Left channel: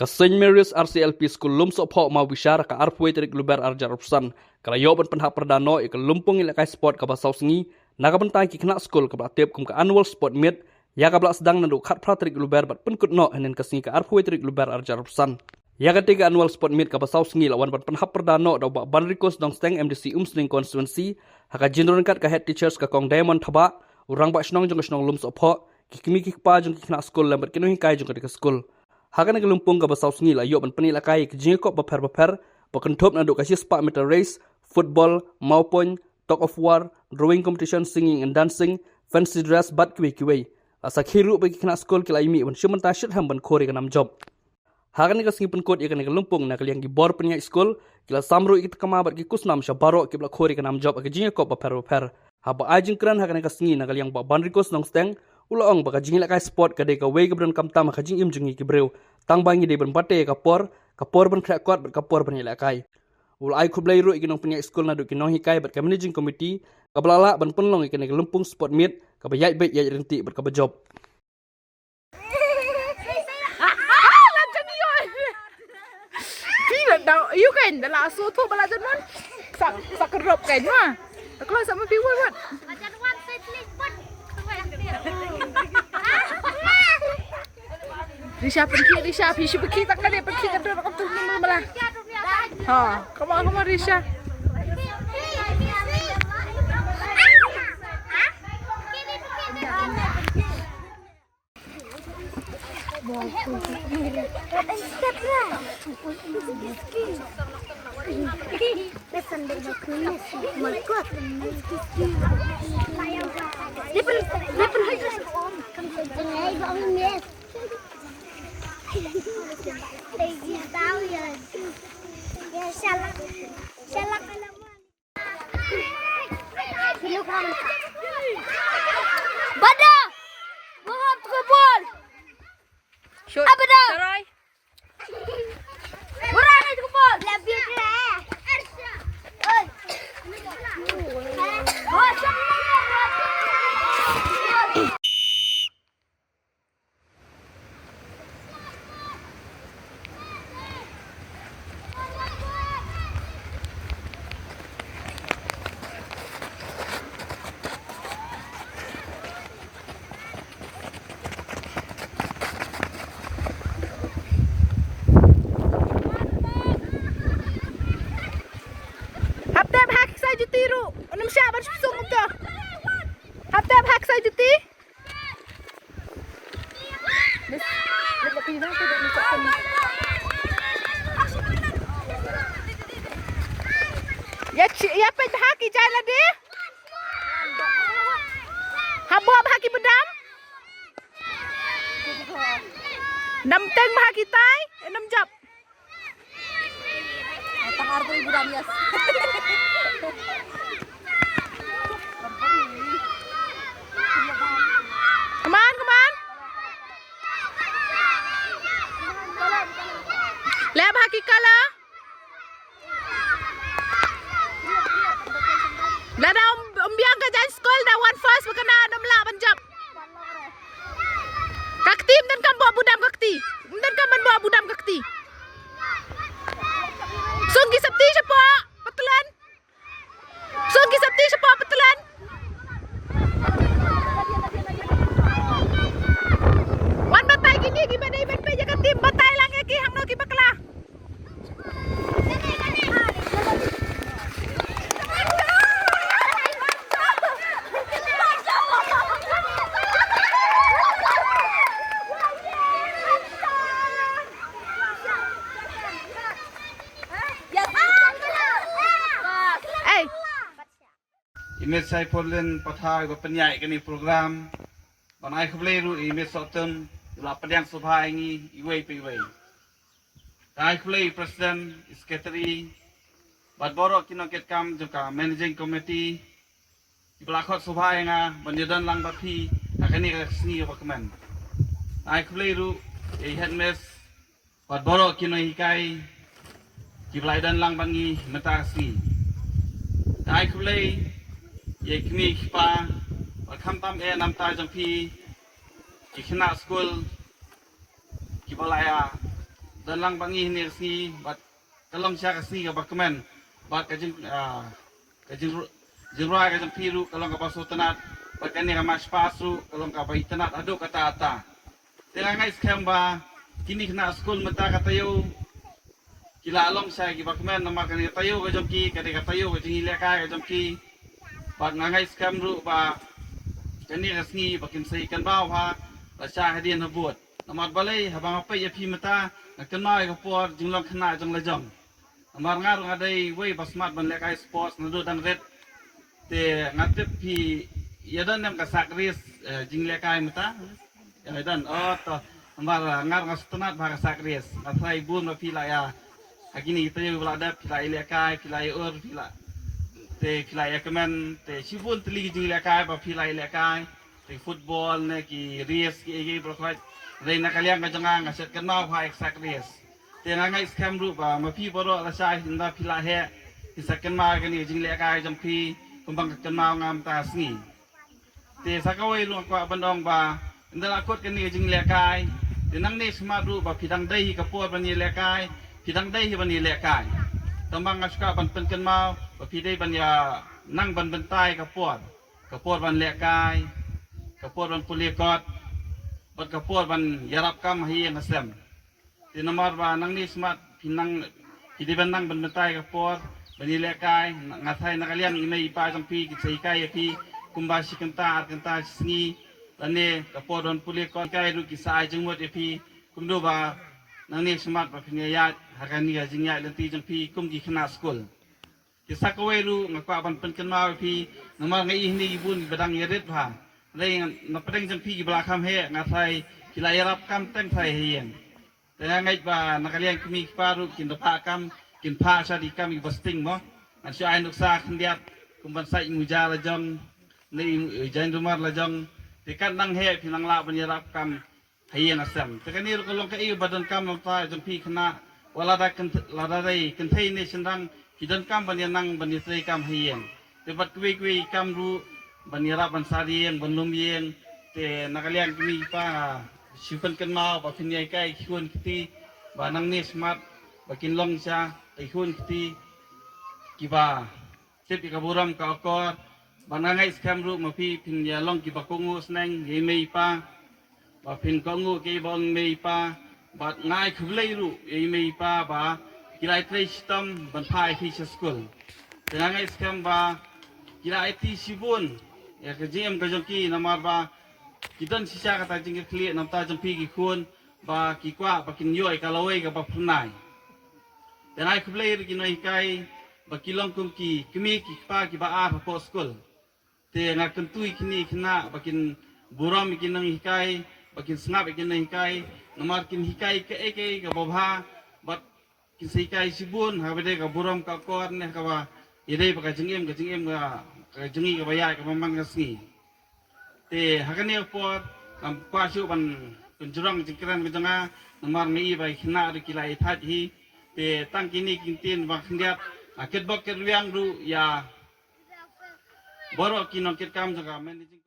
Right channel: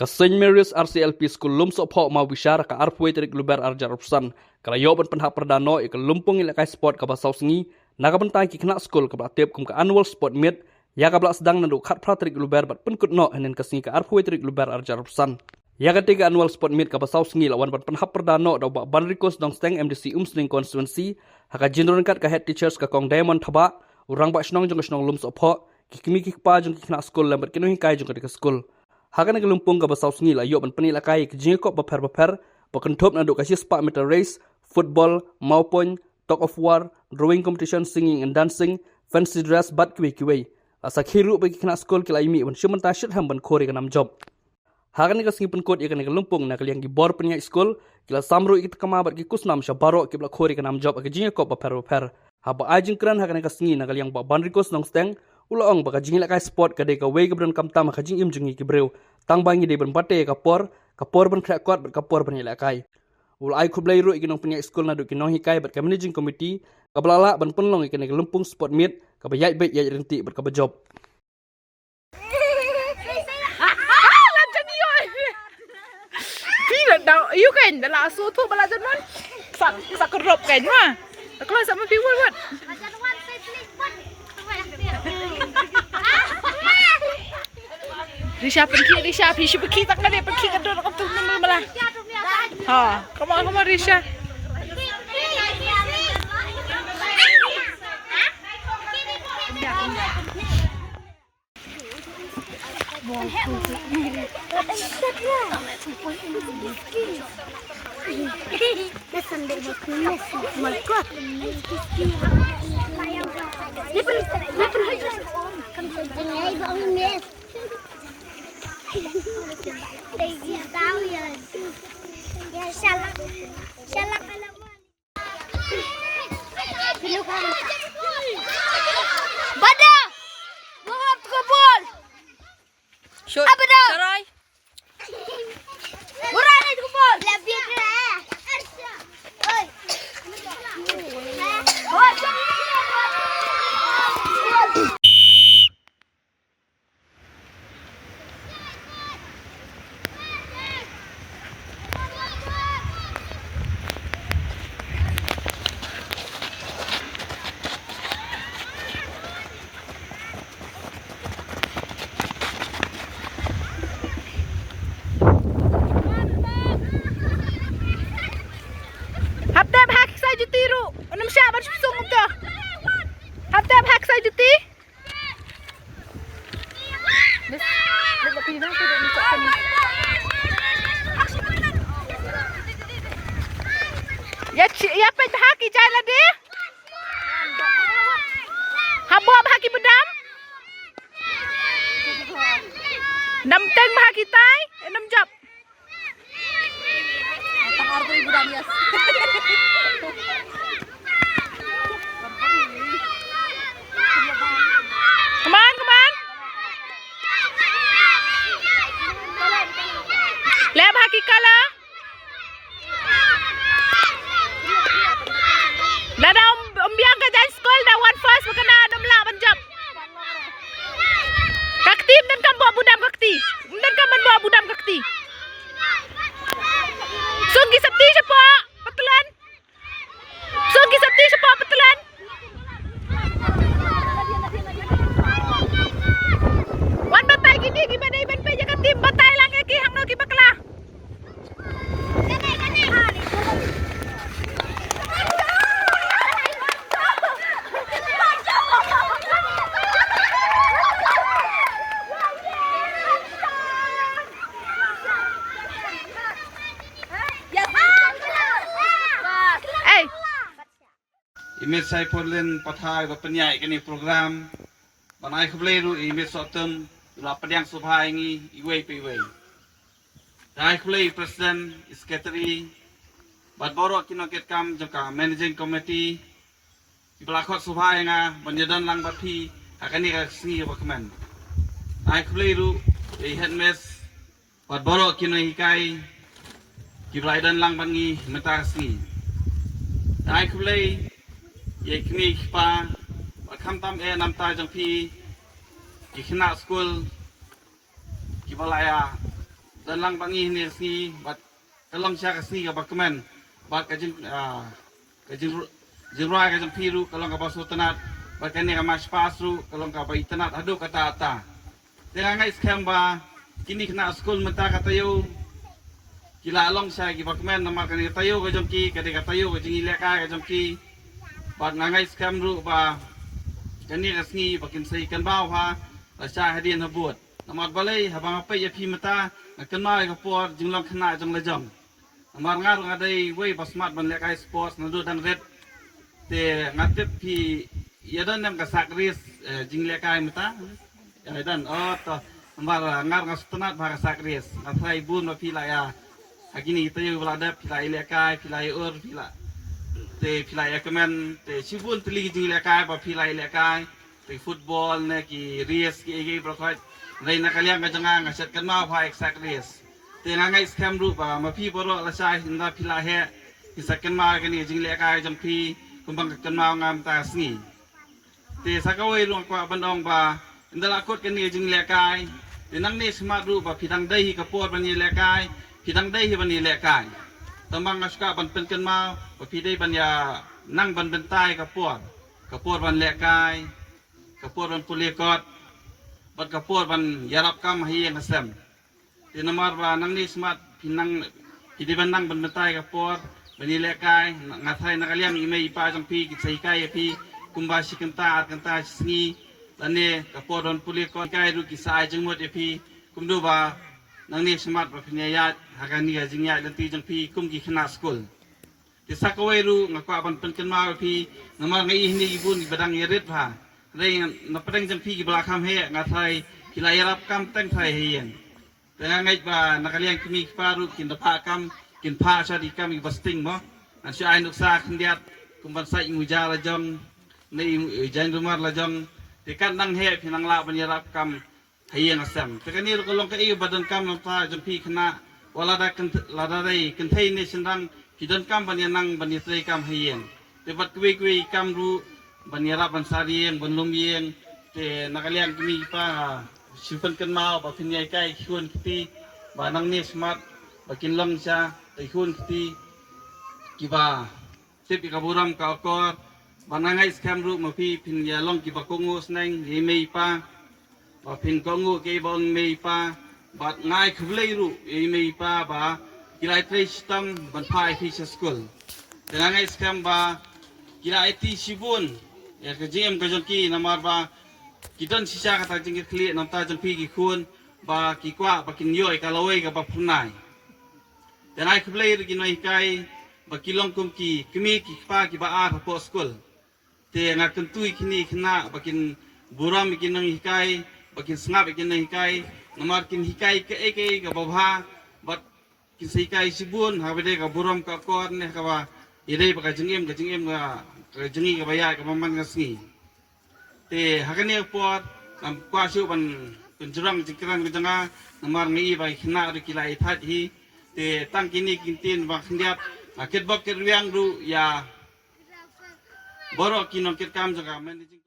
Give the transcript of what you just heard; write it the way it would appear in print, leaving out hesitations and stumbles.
Ka St. Mary's RCLP School lum sopho ma wisyara ka arpwe terik luber arjar upsan kala yoban penhak perdano ik lumpung ilakai sport ka basau sengi naga bentai ki kena school ka tiap kum ka annual sport meet ya ka sedang nandu khat pra terik luber bat penkut no henen ka sengi ka arpwe terik luber arjar upsan ya ka tiga annual sport meet ka basau sengi lawan bat penhak perdano da ba banrikos dong steng MDC Umsling constituency haka jinron kat ka head teachers ka kong diamond thaba urang ba snong jong snong lum sopho ki kimi ki pa jong ki kena school lambat kinu hinkai jong ka school Hakan ke lumpung ke basau sengi la yuk penpeni lakai ke jengkok beper bekentop naduk kasih spark meter race, football, maupun talk of war, drawing competition, singing and dancing, fancy dress bat kiwi. Asa khiru bagi kena sekolah kila imi wan syuman tasyid ham ban kore ke nam job. Hakan ke sengi penkot ikan ke lumpung nak liang ki bor penyak sekolah kila samru ikit kama bat ki kusnam syabaro kibla kore ke nam job ke jengkok beper. Haba ajeng keran hakan ke sengi nak liang ba banrikos nong steng Ulaong baka jingi lakai sport kadai ka wei gebran kamtam ka jing im jingi kibreu tang bangi de ban bate kapor ban krakot ber kapor ban lakai ul ai khublai ru ikinong penyak school na du kinong hikai ber ka managing committee ka belala ban penlong ikan ke lumpung sport meet ka bayai bet ya renti ber ka job you kan dah langsung tu belajar non sak kerop kan mah kalau sama viewer buat Risha pergi tak ada pergi ke dalam tu malah. Ha, come on Risha. Bada! Buhat ke bol! Shoot. Apa dah? Sarai. Burat ke bol! Lebih ke. Oi. Habtem hak saya juti ru. Enam siapa sung tu? Habtem hak saya juti. Bes, nak pergi nak tu dah masuk sini. Ya pen haki jalan dia. Habo haki bedam. Nam teng haki tai, enam jap. Tangar ko ibu damias. Come on. Lab haki kala. Lada umbiang ka jan school da one first bekana dam la banjap. Kakti dan kan bawa budam kakti. Dan kan bawa budam kakti. Sunggi sabti siapa? Petelan. Sunggi sabti siapa petelan? Wan batai gini gimana iban pe jaga tim batai lang ki hang no ki bakla. Imej saya polen pathai ba penyai kini program banai khublai ru imej sotem la pediang subhai ngi iwei pe iwei dai khublai president secretary bat borok kino ket kam joka managing committee iblakot subhai nga banyadan lang bathi akani ka singi ba kemen dai khublai ru headmistress bat borok kino hikai kiblaidan lang bangi meta singi dai khublai ye kini pa kham tam e nam ta jang phi ki khna school ki balaya dalang bangi ni sini bat kalong siya sini ka bakmen bat kajin jirai kajin piru kalong ka basu tanat bat kani ka mas pasu kalong ka bai tanat adu kata ata tengah ngai scam ba kini kena school menta katayo kila along siya ki bakmen nama kani katayo ka jomki kani katayo ka jingi leka ka jomki bat ngai scam ru ba kani ka sini bakin sai kan baw ha la siya hadian habut Namar balai habang apa ya pi mata nak mai ka por jumlah kena jang lejong. Namar ngar ngadai wei basmat ban lekai sports nadu dan red te ngatip pi ya dan nam ka sakris jing lekai mata. Ya dan to namar ngar ngastenat ba sakris. Atai bun ma pi la ya. Agini kita yo belada pi la lekai pi la ur pi la te pi la ya kemen te sibun teli jing lekai ba pi la lekai te football ne ki race ki prokoi Rai nak kalian kajang ngaset kan mau hai sakris. Tengah ngai scam ru ba mapi boro la sai hinda pila he. Kisakan mau kani jing le kai jam pi kumbang kan mau ngam ta sni. Te sakawai ru kwa bandong ba inda akut kani jing le kai. Tenang ni smart ru ba pidang dai ka po ban ni le kai. Pidang dai ban ni le kai. Tambang ngaska ban pen kan mau ba pidai ban ya nang ban bentai ka po. Ka po ban le kai. Ka po ban pulikot. Bat kapur ban yarap kam hi ngasem. Di nomor ba nang ni smart pinang idi ban nang ban betai kapur bani lekai ngathai nakaliang imei pa jang pi kisai kai pi kumbasi kenta sni lane kapur don puli kon kai ru kisai jengmut pi kumdo ba nang ni smart ba pinyayat hagani ga jingya lanti jang pi kumgi khna school. Di sakawai ru ngakwa ban penken ma pi nomor ngai ni ibun badang yerit ba Rai napadang jampi ki belakang he ngatai kila yarap kam teng thai hien. Tengah ngai ba nakaliang kimi paru kin dapa kam kin pa sa di kam i basting mo. An sya ai nuksa khndiat kumban sai nguja la jong nei jan rumar la jong tikat nang he pinang la ban yarap kam hien asam. Tekan ni kolong ka i badan kam nampa jampi khna wala da kan la dai kan thai ni sendang kidan kam ban yanang ban yai kam hien. Tebat kwe kam ru Banira bansari yang banlum yang ke nakalian kami pa simpan kan mau ba pinyai kai kun kiti banang ni smart bakin long sa kun kiti kiba tepi kaburam ka okor banangai scam ru mapi pinya long kiba kongu sneng yemei pa ba pin kongu ke bon mei pa ba ngai khlei ru yemei pa ba kilai trei sistem ban pai fi school tenangai scam ba kira IT sibun ya kejim kejongki namar ba kidan sisa kata jengki kli namta jempi ki kun ba ki kwa ba kin yoi kalawai ka ba punai dan ai kublai ri noi kai ba kilong kum ki kimi ki pa ki ba a po school te nga kentui kini kena ba kin buram ki nang hikai ba kin snap ki nang hikai namar kin hikai ke ka ba ba kin sikai sibun ha bede ka buram ka kor ne ka ba idai ba ka jengem ga jengi ka baya ka mamang ngasni te hakane pot kam kwasu ban kunjurang jingkran ka janga namar ngi ba khna ri kilai that hi te tang kini kintin ba khndiap aket bok ker wiang ru ya borok kinong ket kam jaga managing